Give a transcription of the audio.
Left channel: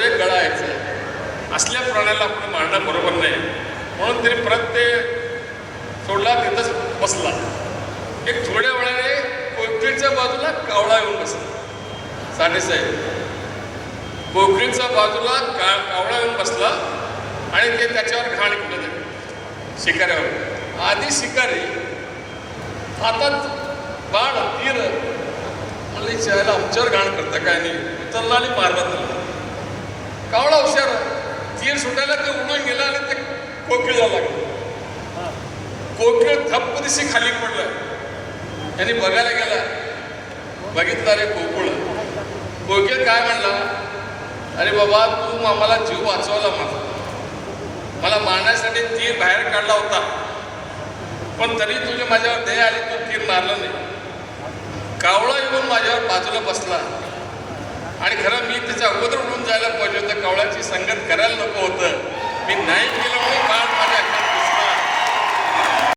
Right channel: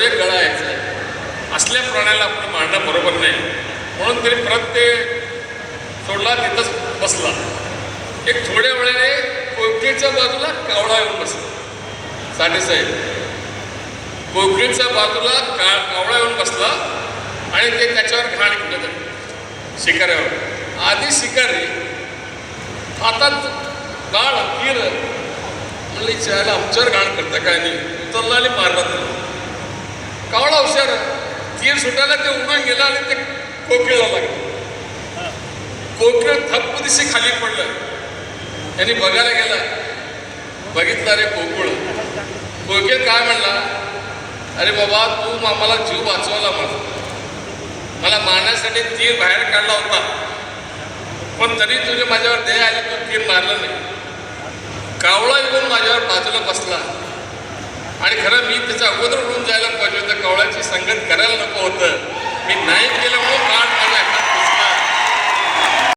एक गळा यायचा असल्या प्राण्याला आपण मारणं बरोबर नाही. म्हणून तरी परत ते सोडला तिथंच बसला. एक थोड्या वेळाने कोकणीच्या बाजूला कावळा येऊन बसला. साडेसाहेब कोकणीच्या बाजूला का कावळा येऊन बसला आणि ते त्याच्यावर घाण केलं शिकाऱ्यावर. आधी शिकारी आता बाळ तीर म्हणलं आमच्यावर घाण करता काय नाही. उतरला आणि मारला त्याला. कावळा हुशार तीर सुटायला ते उडून गेला आणि ते कोकिळला लागलं. कोकिळ थप्प दिशी खाली पडलं. त्यांनी बघायला गेला. बघितलं अरे कोकुळ. कोकिळ काय म्हणला? अरे बाबा तू आम्हाला जीव वाचवला मला मला मारण्यासाठी तीर बाहेर काढला होता. पण तरी तुझी माझ्यावर दया आली तू तीर मारलं नाही. कावळा येऊन माझ्यावर बाजूला बसला. आणि खरं मी त्याच्या अगोदर उडून जायला पाहिजे होतं कवळाची संगत करायला नको होतं. मी नाही केलं